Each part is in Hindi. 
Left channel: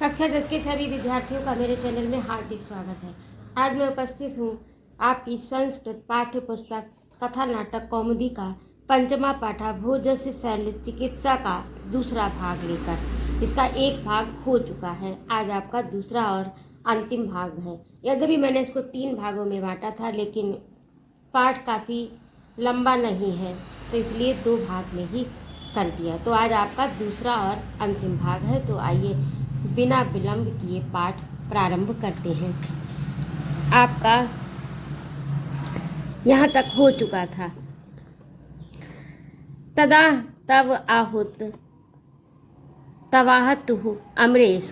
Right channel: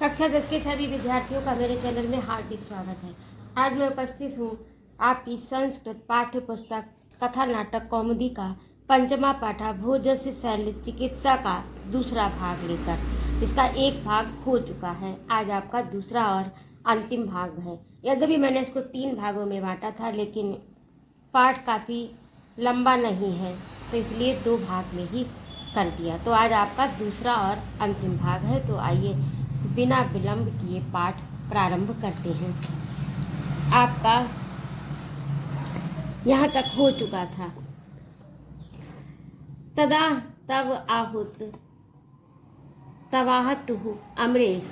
कक्षा 10 के सभी विद्यार्थियों का मेरे चैनल में हार्दिक स्वागत है। आज मैं उपस्थित हूँ आपकी संस्कृत पाठ्य पुस्तक कथा नाटक कौमुदी का पंचमा पाठा भोजस्य शल्य चिकित्सा का दूसरा भाग लेकर। इसका एक भाग हो चुका है, आज आपका दूसरा और अंतिम भाग है। यद्यपि मैंने इसको 3 भागों में बांटा था, लेकिन पाठ काफ़ी लंबा नहीं है तो इसलिए 2 भाग में ही कर दिया। तो आज आपका दूसरा और अंतिम भाग है। तो आइए बिना विलंब किए पाठ प्रारंभ करते हैं। आपका यहाँ तक हो चुका था। तदा तब आहुत तवाहतु अमरेश।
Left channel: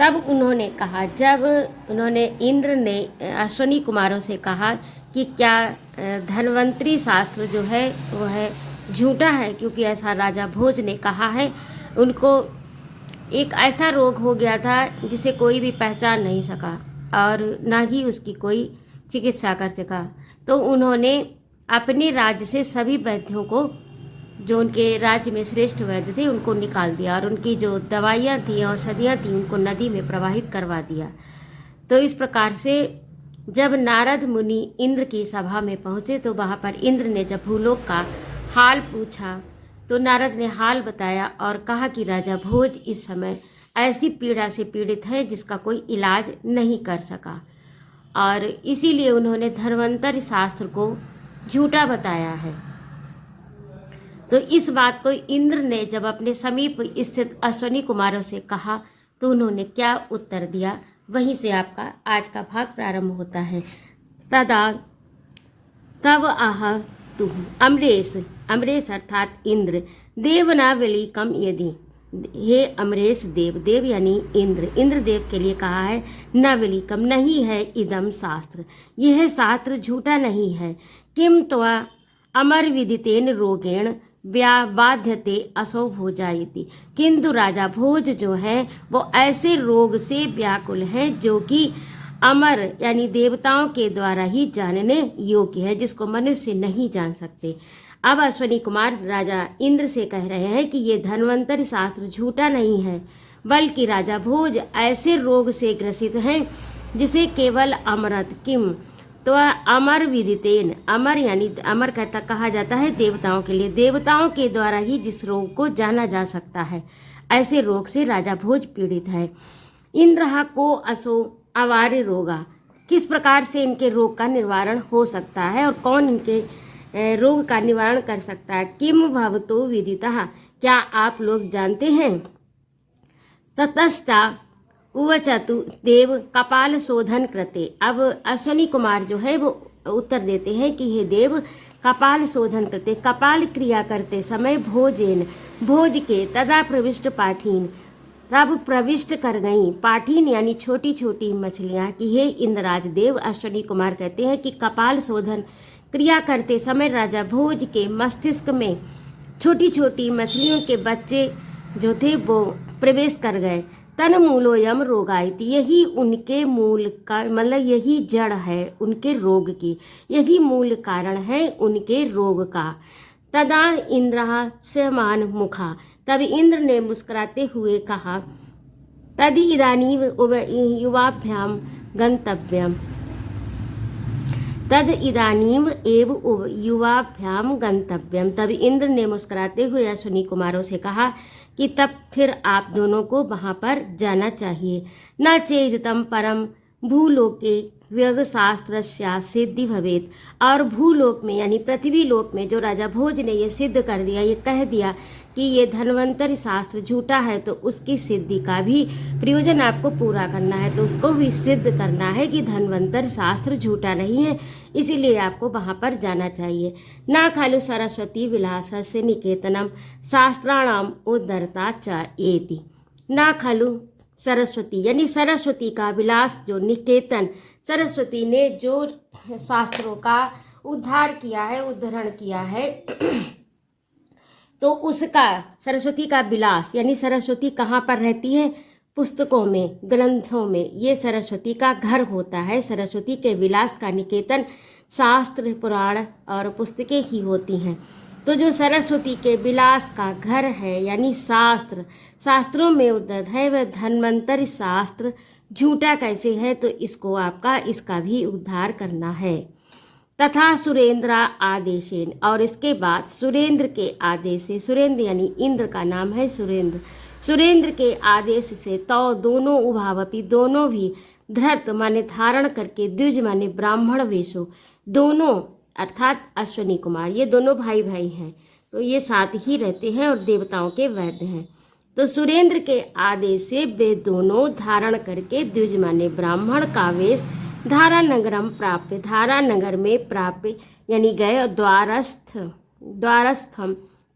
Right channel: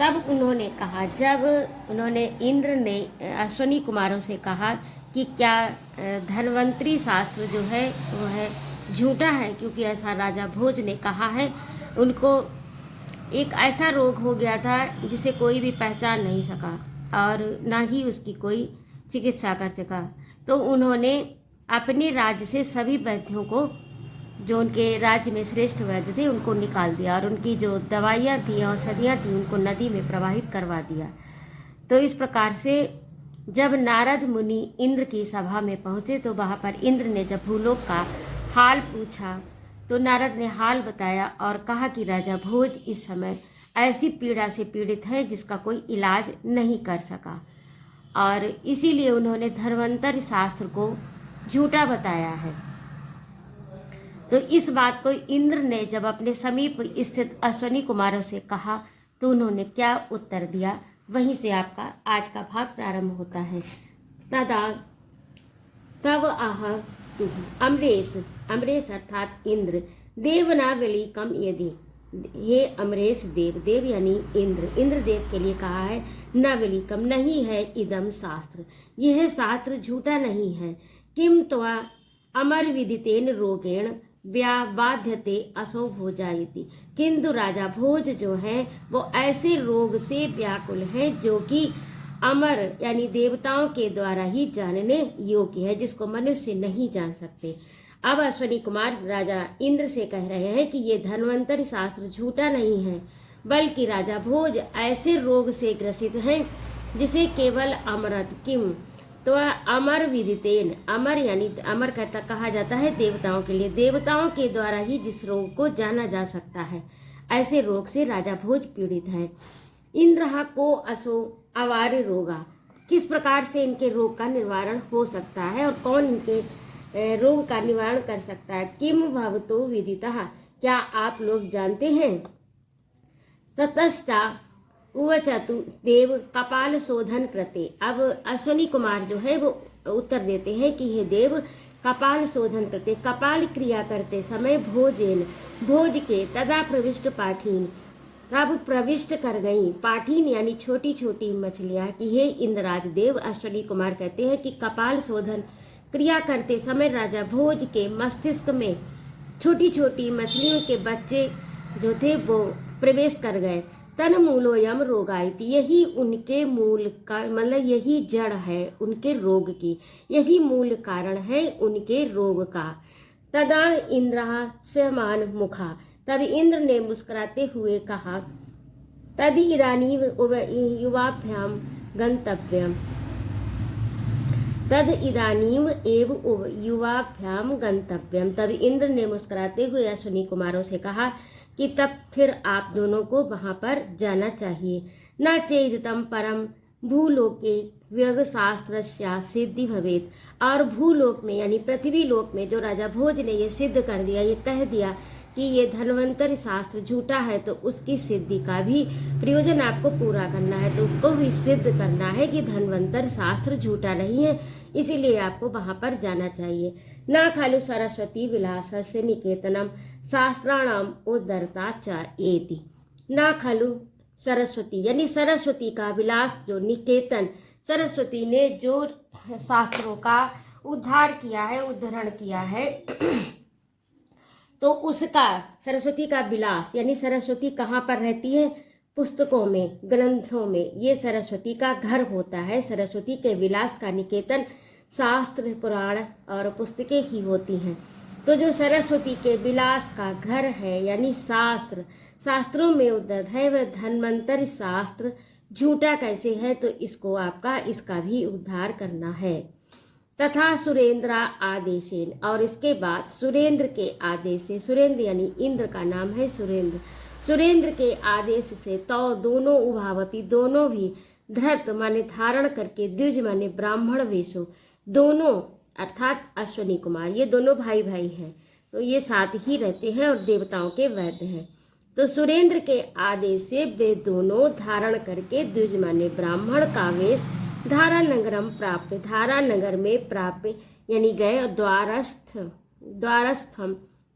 तब उन्होंने कहा, जब उन्होंने इंद्र ने अश्वनी कुमारों से कहा कि क्या धन्वंतरी शास्त्र जो है वो है झूठा है, क्योंकि ऐसा राजा भोज ने कहा है। उनको एक ऐसा रोग हो गया था जिसे कोई भी पहचान नहीं सका और ना ही उसकी कोई चिकित्सा कर सका। तो उन्होंने अपने राज्य से सभी वैद्यों को, जो उनके राज्य में श्रेष्ठ वैद्य थे, उनको निकाल दिया और उनकी जो दवाइयाँ थी, औषधियाँ थी, उनको नदी में प्रवाहित करवा दिया। तो इस प्रकार से जब नारद मुनि इंद्र की सभा में पहुँचे तो वहाँ पर इंद्र ने जब भूलोक का हाल पूछा तो नारद ने हाल बताया और कहा कि राजा भोज इस समय ऐसी पीड़ा से पीड़ित है जिसका कोई इलाज नहीं कर सका, और इसीलिए उन्होंने धन्वंतरि शास्त्र को झूठा बताया है। तो इस बात को इंद्र ने जब अपने समीप स्थित अश्वनी कुमारों से कहा तो उन्होंने क्या उत्तर दिया, वहीं से आपका आज का भाग प्रारंभ होता है। तदा तब आह तु अमरेश, अमरेश अर्थात इंद्र, देवनावली कम यदि, हे अमरेश देव, देव यानी इंद्र, इंद्र देव के लिए कहा है नवली कम नहीं है इदम शास्त्र, यह शास्त्र झूठा नहीं है। किम त्वा अमर विदितेन रोगेण बाध्यते असौ भोजायति, किंतु राजा भोज जो है वो ऐसे रोग से व्याकुल है जो कि अमर यानी देवताओं के द्वारा ही जानने योग्य है, जिसको मनुष्य नहीं जान सकते। अब अश्वनी कुमार राजा इंद्र से कह रहे हैं कि ये धन्वंतरि शास्त्र झूठा नहीं है, बल्कि राजा भोज ऐसे रोग से ग्रसित हैं जिसे केवल अमरत किम तो अमर विदितेन, अमर यानी अमर कहता कहा जाता है देवताओं के लिए, देवताओं के द्वारा ही जिस रोग को जाना जा सकता है, ऐसे रोग से राजा भोज पीड़ित है। इंद्र को असो अवार्य रोगा, किस प्रकार से इनके रोग का निवारण हो सकता है और कौन इनके रोग का निवारण कर सकता है। किम भवतो विदितः, क्या आप लोग जानते हैं। ततस्ता उवचतु देव कपाल शोधन कृते, अब अश्वनी कुमार जो है वो उत्तर देते हैं कि हे देव कपाल शोधन करते, कपाल क्रिया करते समय भोजेन, भोज के तदा प्रविष्ट पाठीन, तब प्रविष्ट कर गई पाठीन यानी छोटी छोटी मछलियाँ कि हे इंद्रराज देव, अश्वनी कुमार कहते हैं कि कपाल शोधन क्रिया करते समय राजा भोज के मस्तिष्क में छोटी छोटी मछलियों के बच्चे जो थे वो प्रवेश कर गए। तन मूलोयम रोगायति, यही उनके मूल का मतलब यही जड़ है उनके रोग की, यही मूल कारण है उनके रोग का। तदा इंद्र शमान मुखा, तब इंद्र ने मुस्कुराते हुए कहा, तदि इदानीव युवाभ्याम गंतव्यम, तद इदानीम एव युवाभ्याम गंतव्यम, तब इंद्र ने मुस्कुराते हुए अश्वनी कुमारों से कहा कि तब फिर आप दोनों को वहाँ पर जाना चाहिए। न चेदितम परम भूलोके व्यग शास्त्र सिद्धि भवेत, और भूलोक में यानी पृथ्वी लोक में जो राजा भोज ने ये सिद्ध कर दिया, ये कह दिया कि ये धन्वंतरि शास्त्र झूठा है, तो उसकी सिद्धि का भी प्रयोजन आपको पूरा करना है, तो उसको भी सिद्ध करना है कि धन्वंतरि शास्त्र झूठा नहीं है, इसीलिए आपको वहाँ पर जाना चाहिए। न खलु सरस्वती विलासस्य निकेतनम शास्त्राणाम उद्धरता च एति, न खलु सरस्वती यानी सरस्वती का विलास जो निकेतन, सरस्वती ने जो शास्त्रों का उद्धार किया है, उद्धरण किया है तो उसका सरस्वती का विलास यानी सरस्वती कहाँ पर रहती है, पुस्तकों में, ग्रंथों में, ये सरस्वती का घर होता है। सरस्वती के विलास का निकेतन शास्त्र, पुराण और पुस्तकें ही होती हैं। तो जो सरस्वती के विलास का घर है यानी शास्त्रों में उद्धत है वह धन्वंतरि शास्त्र झूठा कैसे है, तो इसको आपका इसका भी उद्धार करना है। तथा सुरेंद्र आदेशेन, और इसके बाद सुरेंद्र के आदेश से, सुरेंद्र यानी इंद्र का नाम है सुरेंद्र के आदेश से तो दोनों उभावपी, दोनों भी धृत माने धारण करके, द्विज माने ब्राह्मण वेशो, दोनों अर्थात अश्विनी कुमार, ये दोनों भाई भाई हैं, तो ये साथ ही रहते हैं और देवताओं के वैद्य हैं। तो सुरेंद्र के आदेश से वे दोनों धारण करके द्विज माने ब्राह्मण का वेश धारा नगरम प्राप्य, धारा नगर में प्राप्य यानी गए, और द्वारस्थम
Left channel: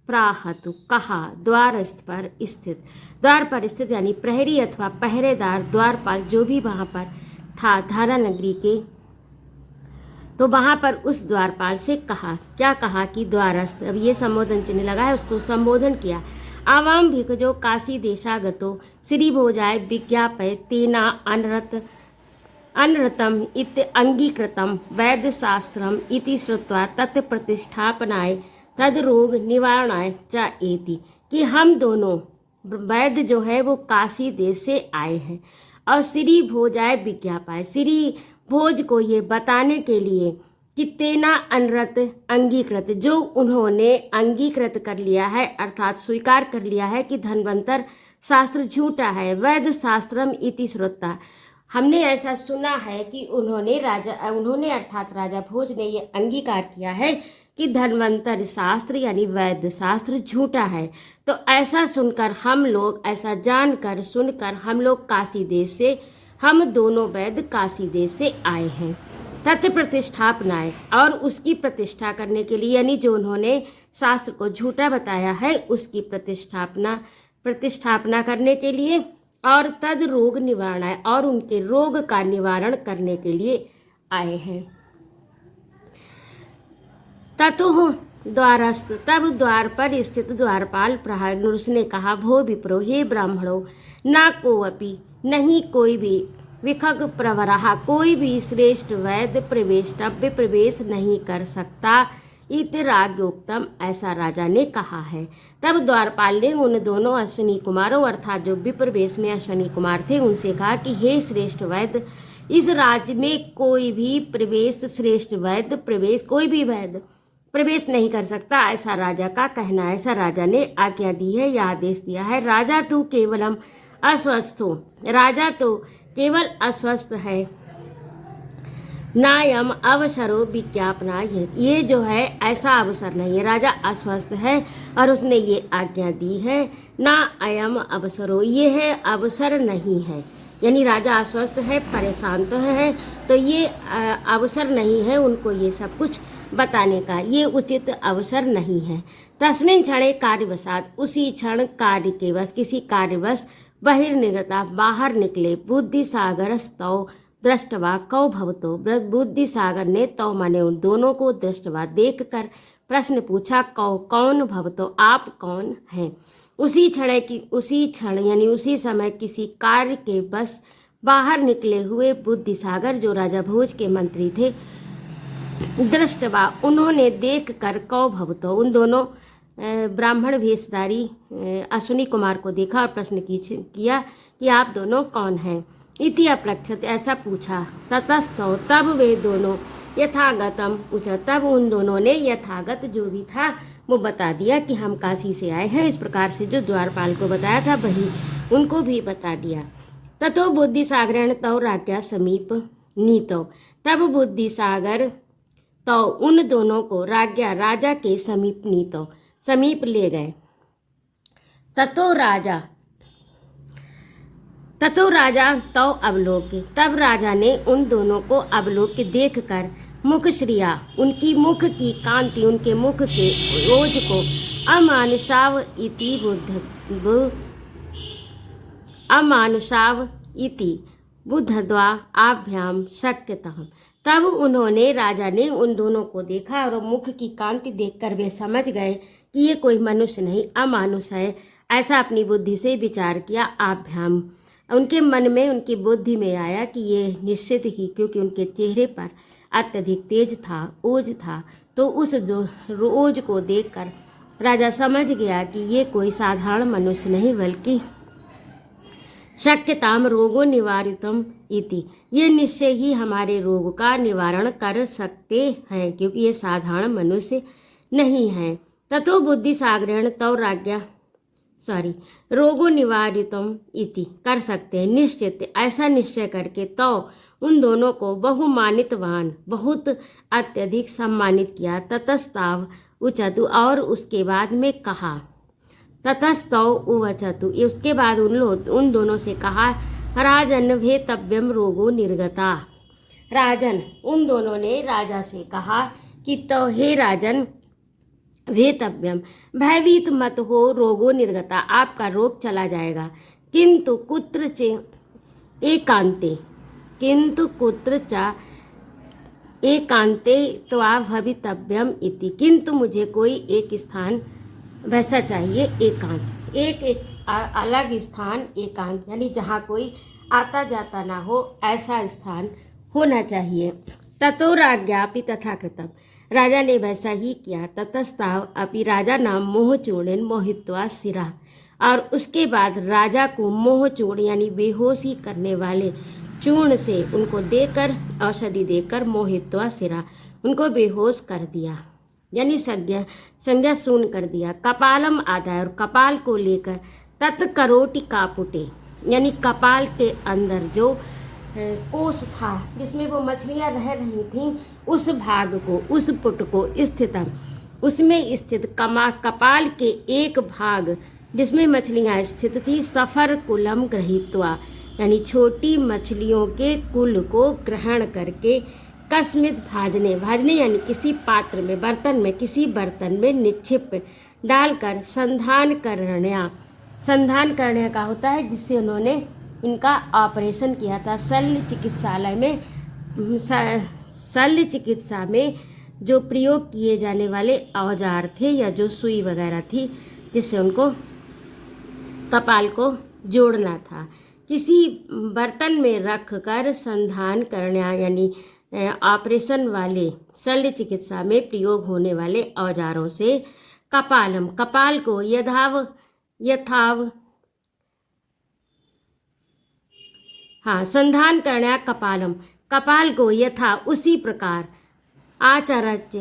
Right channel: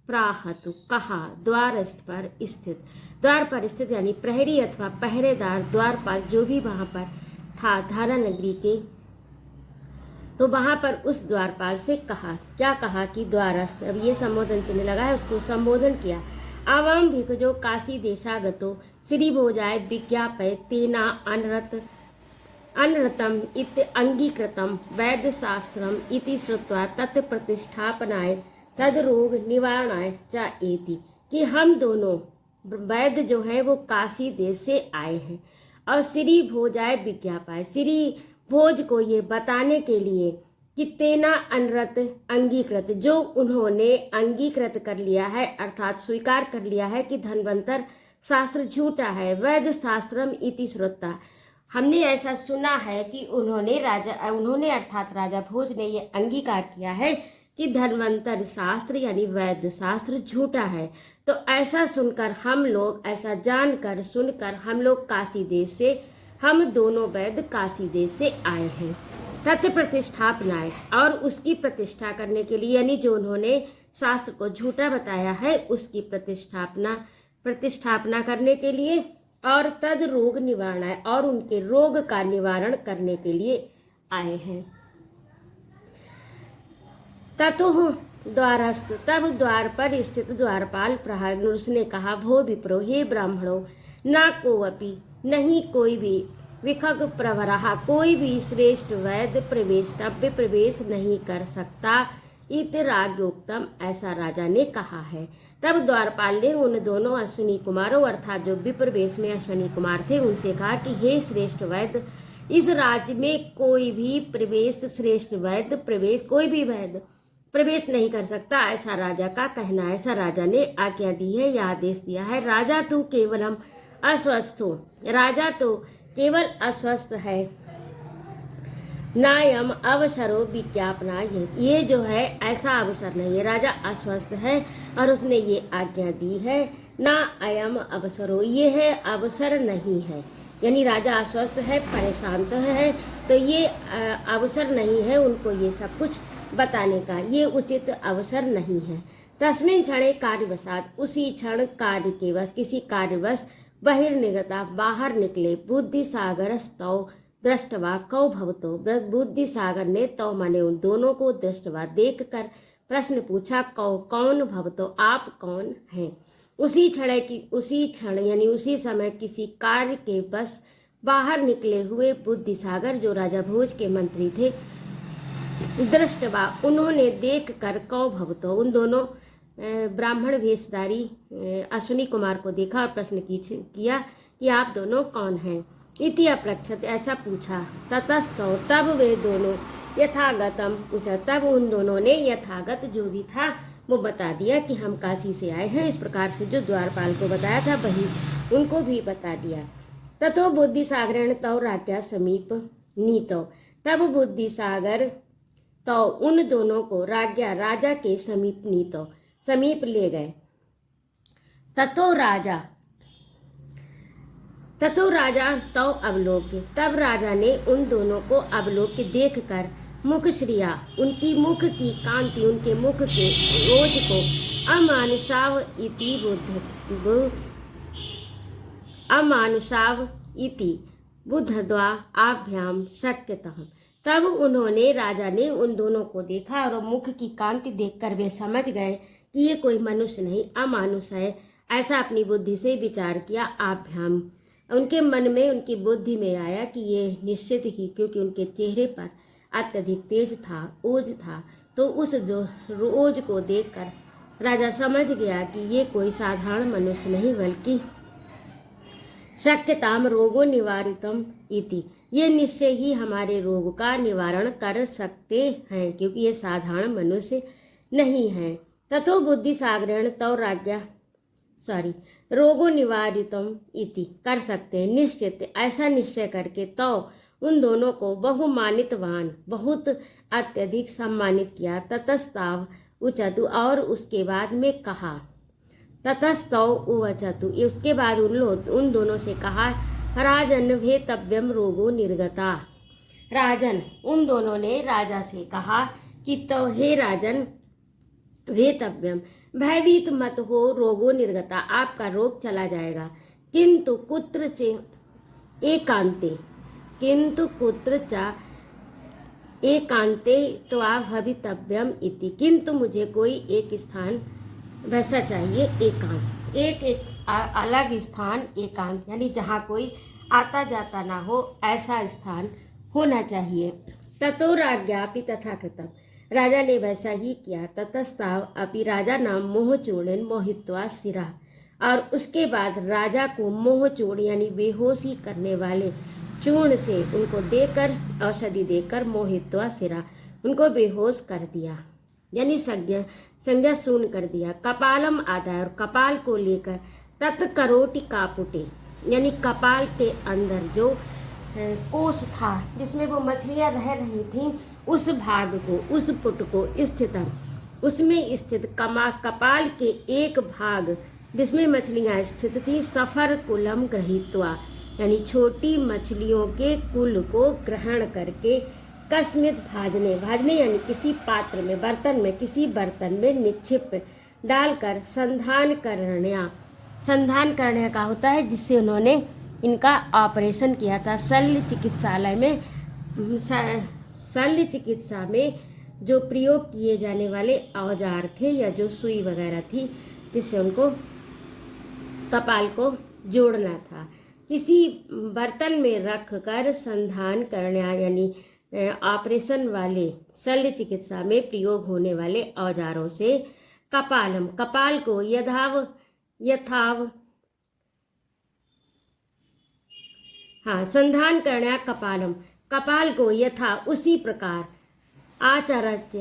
प्राहतु कहा, द्वारस्थ पर स्थित, द्वार पर स्थित यानी प्रहरी अथवा पहरेदार, द्वारपाल जो भी वहां पर था धारा नगरी के, तो वहां पर उस द्वारपाल से कहा, क्या कहा कि द्वारस्थ, अब ये संबोधन चिन्ह लगा है, उसको संबोधन किया। आवाम भिखजो काशी देशागतो श्री भोजाय विज्ञापय तेना अनृतम इति अंगीकृतम वैद्य शास्त्रम इति श्रुत्वा तत्प्रतिष्ठापनाय तद रोग निवारणाय च एति, कि हम दोनों वैद्य जो है वो काशी देश से आए हैं और श्री भोजाय विज्ञापाय, श्री भोज को ये बताने के लिए कि तेना अनृत अंगीकृत, जो उन्होंने अंगीकृत कर लिया है अर्थात स्वीकार कर लिया है कि धन्वंतर शास्त्र झूठा है, वैद्य शास्त्रम इति श्रुत्वा, हमने ऐसा सुना है कि उन्होंने अर्थात राजा भोज ने ये अंगीकार किया है कि धन्वंतर शास्त्र यानी वैद्य शास्त्र झूठा है। तो ऐसा सुनकर हम लोग, ऐसा जानकर सुनकर हम लोग काशी देश से, हम दोनों वैद्य काशी देश से आए हैं। तथ्य प्रतिष्ठापनाएं, और उसकी प्रतिष्ठा करने के लिए, यानी जो उन्होंने शास्त्र को झूठा बताया है उसकी प्रतिष्ठापना करने के लिए, और तद रोग निवारण है, और उनके रोग का निवारण करने के लिए आए हैं। ततुः द्वारस्थ, तब द्वार पर स्थित द्वारपाल प्रहार, उसने कहा, भो विप्रो, हे ब्राह्मणों, ना कोअपि, नहीं कोई भी, विखग प्रवरहा, कोई भी श्रेष्ठ वैद्य प्रवेश नहीं कर सकता, इति राग्योक्तम, ऐसा राजा ने कहा है। तब द्वारपाल ने उन दोनों अश्विनी कुमारों अर्थात जो विप्र वेश में अश्विनी कुमार थे उनसे कहा कि हे श्रेष्ठ वैद्य, इस राज्य में कोई भी कोई भी वैद्य प्रवेश नहीं कर सकता, ऐसा राजा का कहना है। ऐसा राजा ने आज्ञा दी है या आदेश दिया है। राजा तू केवलम अस्वस्थो, राजा तो केवल अस्वस्थ है, नायम अवसरो विज्ञापना, ये जो है ऐसा अवसर नहीं है, राजा अस्वस्थ है और उसने ये आज्ञा दी है। ना अयम अवसरो, ये है अवसर नहीं है, यानी राजा अस्वस्थ है, परेशान तो है, तो ये अवसर नहीं है उनको ये सब कुछ बताने का, ये उचित अवसर नहीं है। तस्मिन् क्षणे कार्यवशात, उसी क्षण कार्य के वश, किसी कार्यवश बहिर्निर्गता, बाहर निकले, बुद्धि सागर स्तौ दृष्टवा कौ भवतो, बुद्धि सागर ने तो माने उन दोनों को दृष्टवा देख कर प्रश्न पूछा, कौ कौन भवतो, आप कौन हैं। उसी क्षण यानी उसी समय किसी कार्य के बस बाहर निकले हुए बुद्धि सागर जो राजा भोज के मंत्री थे, दृष्टवा उन्होंने देख कर, कौ भवतो उन दोनों ब्राह्मण वेशधारी अश्विनी कुमार को देखा और प्रश्न किया कि आप दोनों कौन हैं। इति अपृच्छत, ऐसा पूछा। ततस्तो, तब वे दोनों यथागतम पूछा, तब उन दोनों ने यथागत जो भी था वो बता दिया कि हम काशी से आए हैं। इस प्रकार से जो द्वारपाल को बताया था वही उनको भी बता दिया। ततो बुद्धि सागरण तौ राज्ञा समीप नीतो, तब बुद्धि सागर तो उन दोनों को राज्ञा राजा के समीप नीतो समीप ले गए। ततो राजा तो अवलोक्य, तब राजा ने उन दोनों को अवलोक्य देख कर मुख श्रिया, उनकी मुख की कांति, उनके मुख के ओज को अमानुषाव इति बुद्धद्वा आभ्याम शक्यतः, तब उन्होंने राजा ने उन दोनों को देखा और मुख की कांति देखकर वे समझ गए कि ये कोई मनुष्य नहीं, अमानुष है, ऐसा अपनी बुद्धि से विचार किया। आभ्याम, उनके मन में, उनकी बुद्धि में आया कि ये निश्चित ही, क्योंकि उनके चेहरे पर अत्यधिक तेज था, ओज था। तो उस जो ओज को देखकर राजा समझ गया कि ये कोई साधारण मनुष्य नहीं बल्कि शक्यताम रोगो निवारितम इति, ये निश्चय ही हमारे रोग का निवारण कर सकते हैं, क्योंकि ये साधारण मनुष्य नहीं है। ततो बुद्धि साग्रहण तव राज्ञा रोगो निवारितम इति, कर सकते हैं निश्चित, ऐसा निश्चय करके तो उन दोनों को बहुमानितवान, बहुत अत्यधिक सम्मानित किया। ततस्ताव उचतु, और उसके बाद में कहा, ततस्तौ उवचतु, उसके बाद उन दोनों से कहा, राजन भेतव्यम रोगो निर्गता। राजन, उन दोनों ने राजा से कहा कि तो हे राजन, भेतव्यम, भयभीत मत हो, रोगो निर्गता, आपका रोग चला जाएगा। किंतु कुत्र च एकांते, किंतु कुत्र च एकांते त्वा भवितव्यम इति, किंतु मुझे कोई एक स्थान वैसा चाहिए, एकांत, एक अलग स्थान, एकांत यानी जहाँ कोई आता जाता ना हो, ऐसा स्थान होना चाहिए। ततो राज्ञापि तथा कृतम, राजा ने वैसा ही किया। ततस्ताव अपि, राजा नाम मोहचूर्णेन मोहित्वा शिरा, और उसके बाद राजा को मोहचूर्ण यानी बेहोशी करने वाले चूर्ण से उनको देकर, औषधि देकर, मोहित्वा शिरा, उनको बेहोश कर दिया, यानी संज्ञा शून्य कर दिया। कपालम आदाय, और कपाल को लेकर, तत्करोटि कापुटे, यानी कपाल के अंदर जो कोष था जिसमें वो मछलियां रह रही थीं, उस भाग को, उस पुट को स्थितम, उसमें स्थित कपाल के एक भाग जिसमें मछलियां स्थित थी, सफर कुलम गृहीत्वा, यानी छोटी मछलियों के कुल को ग्रहण करके, कस्मित भाजने, भाजने यानी किसी पात्र में, बर्तन में, किसी बर्तन में निक्षिप डालकर, संधान करने का होता है, जिससे उन्होंने इनका ऑपरेशन किया था शल्य चिकित्सालय में। शल्य चिकित्सा में जो प्रयोग किए जाने वाले औजार थे या जो सुई वगैरह थी, जिससे उनको कपाल को जोड़ना था, किसी बर्तन में रख कर संधान करना, यानी ऑपरेशन वाले शल्य चिकित्सा में प्रयोग होने वाले औजारों से कपालम, कपाल को संधान करना, कपालम, कपाल को यथा उसी प्रकार, आचरच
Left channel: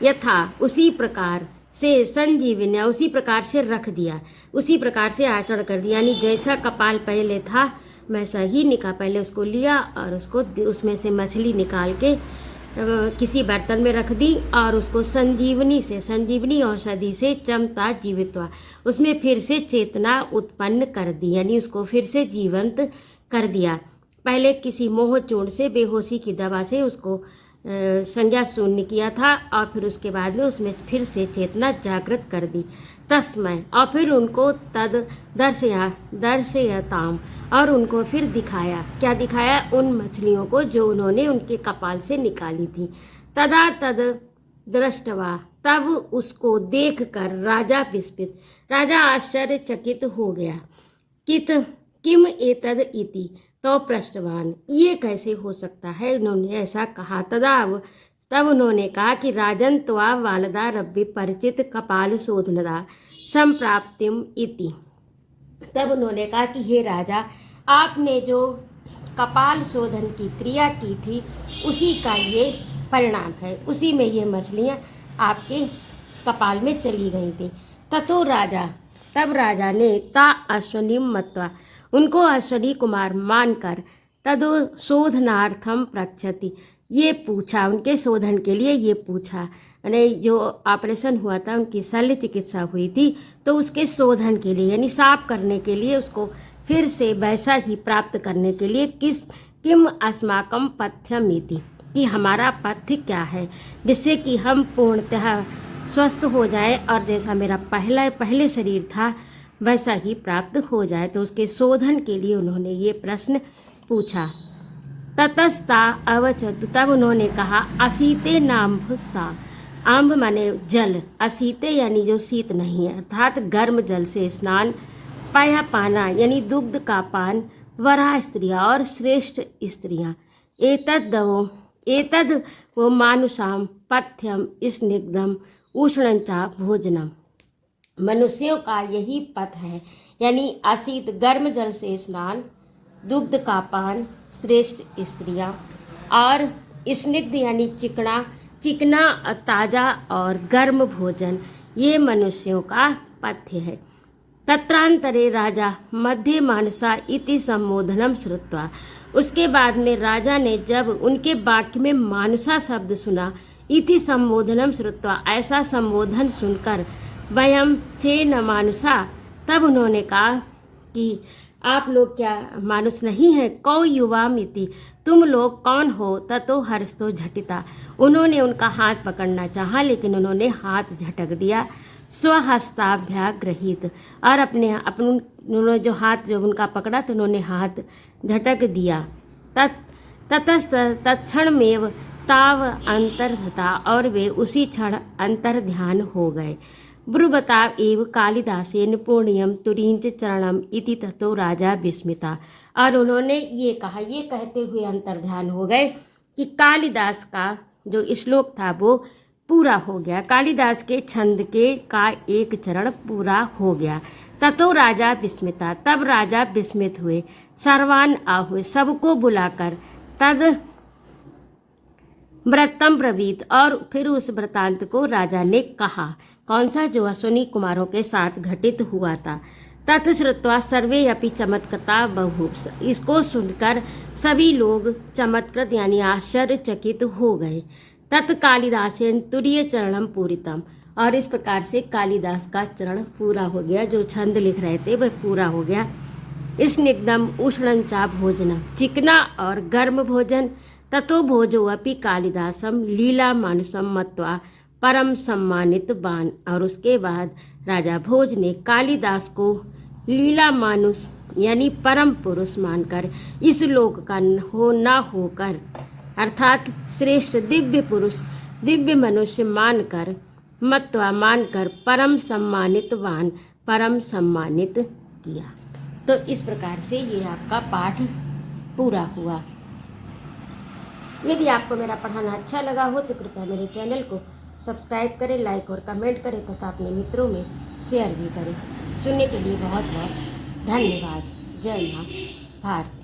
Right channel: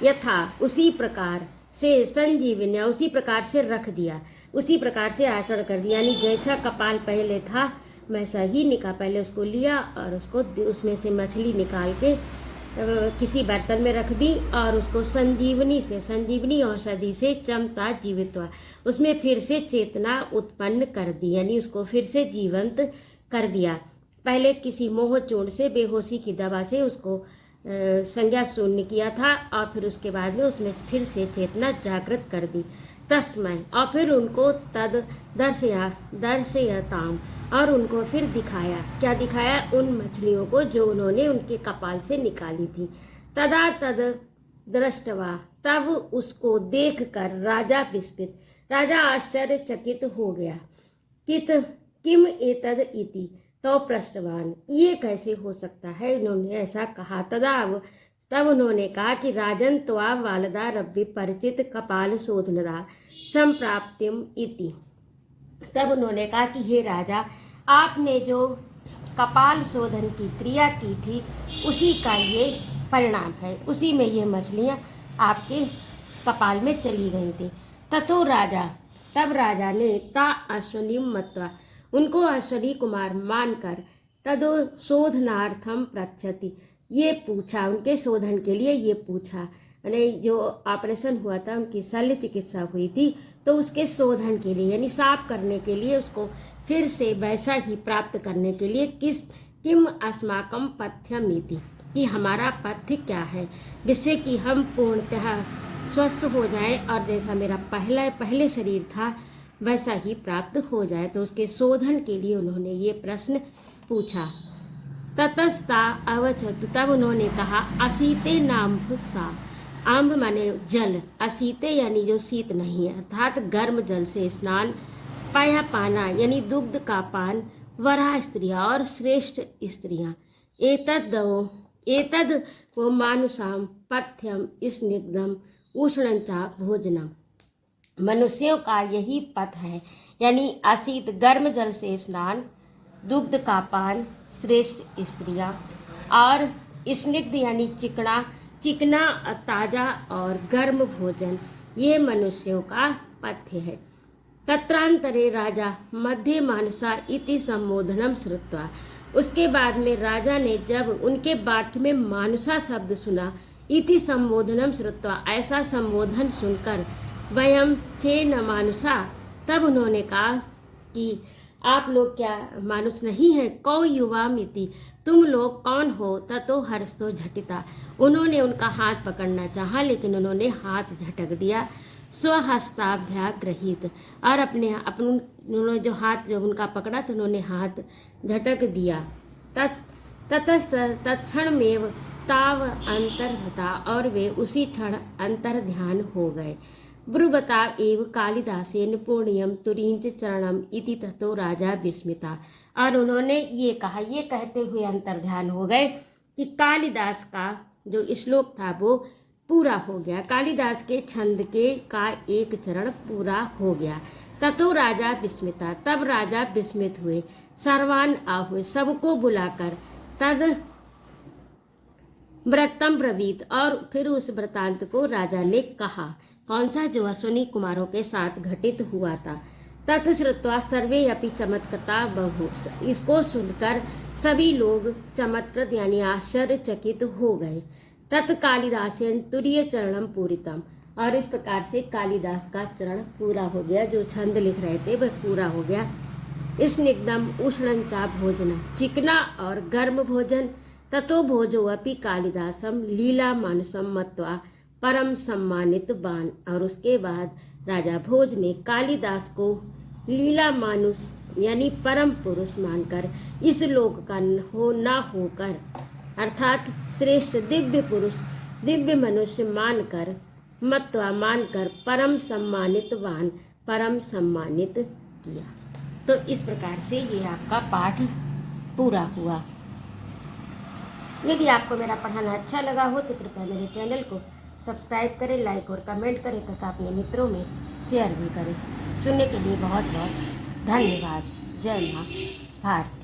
यथा उसी प्रकार से, संजीवनी उसी प्रकार से रख दिया, उसी प्रकार से आचरण कर दिया, यानी जैसा कपाल पहले था वैसा ही पहले उसको लिया और उसको उसमें से मछली निकाल के किसी बर्तन में रख दी और उसको संजीवनी औषधि से चमता जीवित्वा, उसमें फिर से चेतना उत्पन्न कर दी, यानी उसको फिर से जीवंत कर दिया। पहले किसी मोह चूर्ण से, बेहोशी की दवा से उसको संज्ञा शून्य किया था और फिर उसके बाद में उसमें फिर से चेतना जागृत कर दी। तस्मय, और फिर उनको तद दर्शयताम, और उनको फिर दिखाया, क्या दिखाया, उन मछलियों को जो उन्होंने उनके कपाल से निकाली थी। तदा तद दृष्टवा, तब उसको देखकर राजा विस्मित, राजा आश्चर्यचकित हो गया। किम एतद इति, तो पृष्ठवान, ये कैसे हो सकता है, उन्होंने ऐसा कहा। तब उन्होंने कहा कि राजन त्वा वालदा रव्य परिचित कपाल शोधनदा संप्राप्तिम इति, तब उन्होंने कहा कि हे राजा, आपने जो कपाल शोधन की क्रिया की थी उसी का ये परिणाम है, उसी में ये मछलियाँ आपके कपाल में चली गई थी। ततो राजा, तब राजा ने ता अश्वनी मत्वा, उनको अश्वनी कुमार मानकर, तदो शोधनार्थम प्रक्षति, ये पूछा, उनके शोधन के लिए ये पूछा, यानी जो ऑपरेशन हुआ था, उनकी शल्य चिकित्सा हुई थी, तो उसके शोधन के लिए, यानी साफ करने के लिए, उसको फिर से वैसा ही प्राप्त करने के लिए, किम अस्माकम पथ्यमिति, कि हमारा पथ्य क्या है, जिससे कि हम पूर्णतः स्वस्थ हो जाए और जैसा मेरा पहले शरीर था वैसा ही प्राप्त हो जाए। तो उसके शोधन के लिए उन्होंने ये प्रश्न पूछा। ततस्ता अवचतु, तब उन्होंने कहा, असीते नाम सा, आम्भ माने जल, असीते यानी जो शीत नहीं है, अर्थात गर्म जल से स्नान, पाया पाना यानी दुग्ध का पान, वरा स्त्रियाँ और श्रेष्ठ स्त्रियाँ, एतद् दवो एतद् वो मानुषाम पथ्यम स्निग्धम उष्णंचा भोजनम। मनुष्यों का यही पथ है, यानी अशीत गर्म जल से स्नान, दुग्ध का पान, श्रेष्ठ स्त्रियां, और स्निग्ध यानी चिकना ताजा और गर्म भोजन, ये मनुष्यों का पथ्य है। तत्रांतरे राजा मध्ये मानुषा इति संबोधनम श्रुत्वा, उसके बाद में राजा ने जब उनके वाक्य में मानुषा शब्द सुना, इति संबोधनम श्रुत्वा, ऐसा संबोधन सुनकर, वयम चे न मानुषा, तब उन्होंने कहा कि आप लोग क्या मानुष नहीं है? कौ युवा मिति, तुम लोग कौन हो? ततो हर्षतो झटिता, उन्होंने उनका हाथ पकड़ना चाहा लेकिन उन्होंने हाथ झटक दिया। स्वहस्ताभ्यागृहीत, और उन्होंने जो हाथ जो उनका पकड़ा तो उन्होंने हाथ झटक दिया। तत्क्षण में ताव अंतर्धता, और वे उसी क्षण अंतर ध्यान हो गए। ब्रुवताव एव कालिदासेन पुण्यम तुरींच चरणम इति ततो राजा विस्मिता, और उन्होंने ये कहा, ये कहते हुए अंतर ध्यान हो गए कि कालिदास का जो श्लोक था वो पूरा हो गया, कालिदास के छंद का एक चरण पूरा हो गया। ततो राजा विस्मिता, तब राजा विस्मित हुए। सर्वान आहुए, सबको बुलाकर, तद व्रतम ब्रवीत, और फिर उस वृतांत को राजा ने कहा। कौन सा? जो अश्विनी कुमारों के साथ घटित हुआ था। तत्श्रुत्वा सर्वे अपि चमत्कृता बहु, इसको सुनकर सभी लोग चमत्कृत यानी आश्चर्यचकित हो गए। तत् कालिदासेन तुरीय चरणम पूरितम, और इस प्रकार से कालिदास का चरण पूरा हो गया, जो छंद लिख रहे थे वह पूरा हो गया। स्निग्धम उष्णंचा भोजनम, चिकना और गर्म भोजन। ततो भोजो अपि कालिदासम लीला मानुषम मत्वा परम सम्मानित बान, और उसके बाद राजा भोज ने कालिदास को लीला मानुष यानी परम पुरुष मानकर, इस लोक का ना होकर, अर्थात श्रेष्ठ दिव्य पुरुष दिव्य मनुष्य मानकर, मत्वा मानकर, परम सम्मानितवान परम सम्मानित किया। तो इस प्रकार से ये आपका पाठ पूरा हुआ। यदि आपको मेरा पढ़ाना अच्छा लगा हो तो कृपया मेरे चैनल को सब्सक्राइब करें, लाइक और कमेंट करें तथा अपने मित्रों में शेयर भी करें। सुनने के लिए बहुत बहुत धन्यवाद। जय मां भारती।